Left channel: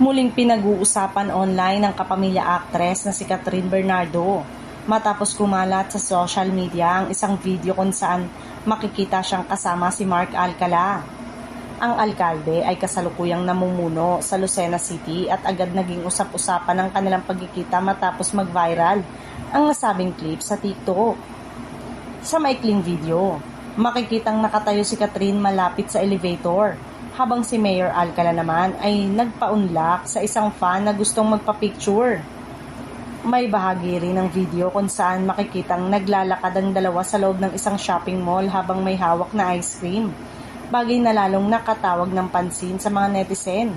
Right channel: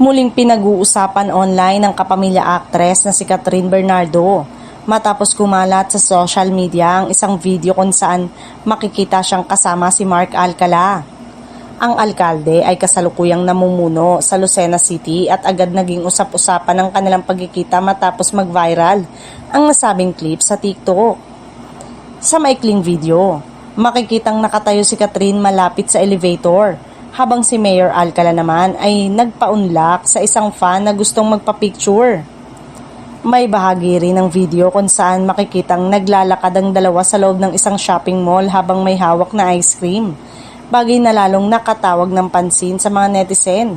Muling pinag-uusapan online ng kapamilya actress na si Catherine Bernardo matapos kumalat sa social media ang isang video kung saan makikita siyang kasama si Mark Alcala. Ang alkalde ay kasalukuyang namumuno sa Lucena City at agad naging usap-usapan ang kanilang pagkikita matapos mag-viral ang nasabing clip sa TikTok. Sa maikling video, makikitang nakatayo si Catherine malapit sa elevator habang si Mayor Alcala naman ay nagpaunlak sa isang fan na gustong magpa-picture. May bahagi rin ng video kung saan makikitang naglalakad ang dalawa sa loob ng isang shopping mall habang may hawak na ice cream, bagay na lalong nakatawag ng pansin sa mga netizen.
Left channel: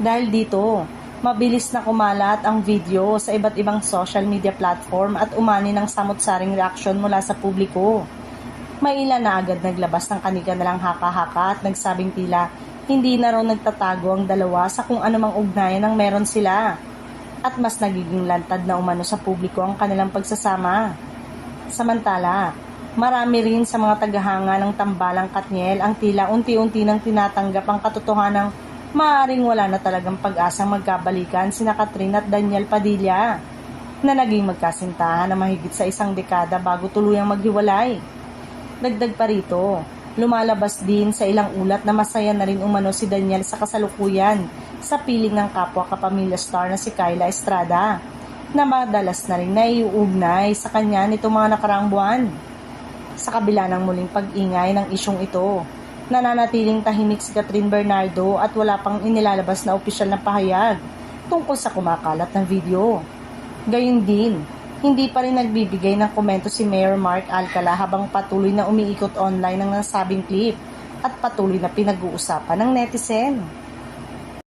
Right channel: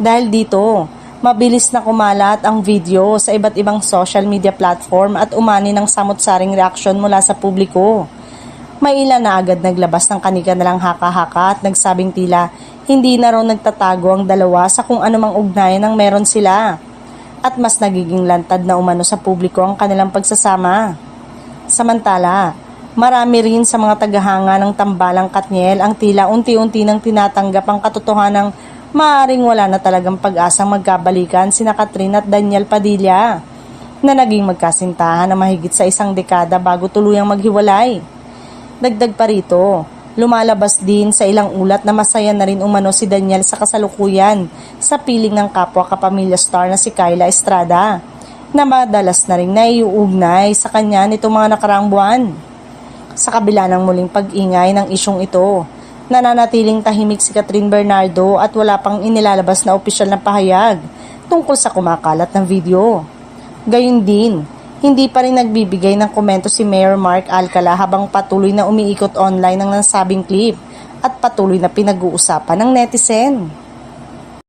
Dahil dito, mabilis na kumalat ang video sa iba't ibang social media platform at umani ng samot-saring reaksyon mula sa publiko. May ilan na agad naglabas ng kanilang haka-haka at nagsabing tila hindi na raw nagtatago ang dalawa sa kung anumang ugnayan ang meron sila. At mas nagiging lantad na umano sa publiko ang kanilang pagsasama. Samantala, marami rin sa mga tagahanga ng tambalang Katniel ang tila unti-unti nang tinatanggap ang katotohanang maaaring wala na talagang pag-asang magkabalikan sina Catherine at Daniel Padilla na naging magkasintahan na mahigit sa isang dekada bago tuluyang maghiwalay. Dagdag pa rito, lumalabas din sa ilang ulat na masaya na rin umano si Daniel sa kasalukuyan sa piling ng kapwa kapamilya star na si Kyla Estrada na madalas na rin naiuugnay sa kanya nitong mga nakaraang buwan. Sa kabila ng muling pag-ingay ng isyong ito, nananatiling tahimik si Catherine Bernardo at wala pang inilalabas na opisyal na pahayag tungkol sa kumakalat ng video. Gayun din, hindi pa rin nagbibigay ng komento si Mayor Mark Alcala habang patuloy na umiikot online ang nasabing clip at patuloy na pinag-uusapan ng netizen.